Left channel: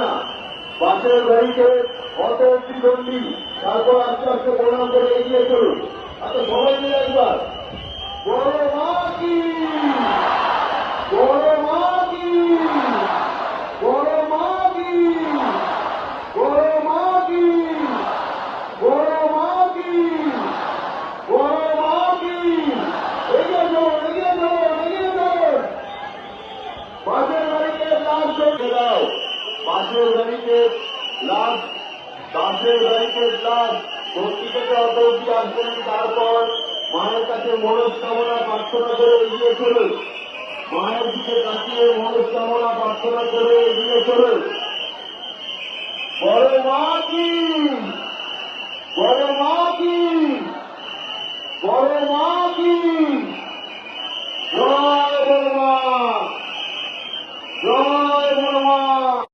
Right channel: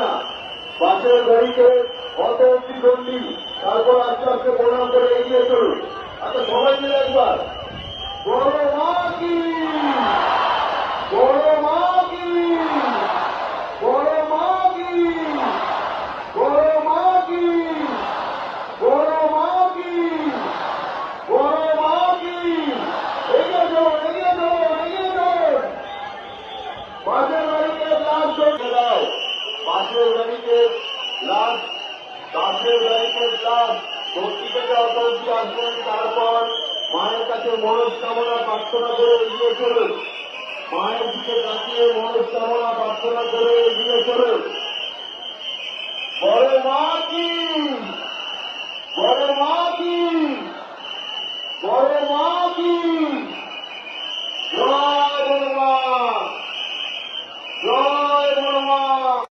না, বাসের গাড়িতে অটো দ্বিগণ্ডি, তারপর আস্তে আস্তে প্রণাম করে এগিয়ে চলুন। আচ্ছা সবাই মিলে একবার বড় মা কি, বড় মা কি, বড় মা কি, বড় মা কি, বড় মা কি, বড় মা কি। এগিয়ে চলুন, এগিয়ে চলুন, এগিয়ে চলুন। বাসের গাড়িতে লাল চলছে দাও, বাসের গাড়িতে লাল, বাসের গাড়িতে লাল ভর্তি থেকে অত অব্দি আসবেন। তারপর মায়ের কাছে মনস্কামনা প্রার্থনা করে এগিয়ে চলুন, মায়ের দিকে তাকিয়ে মনস্কামনা প্রার্থনা করে এগিয়ে চলুন।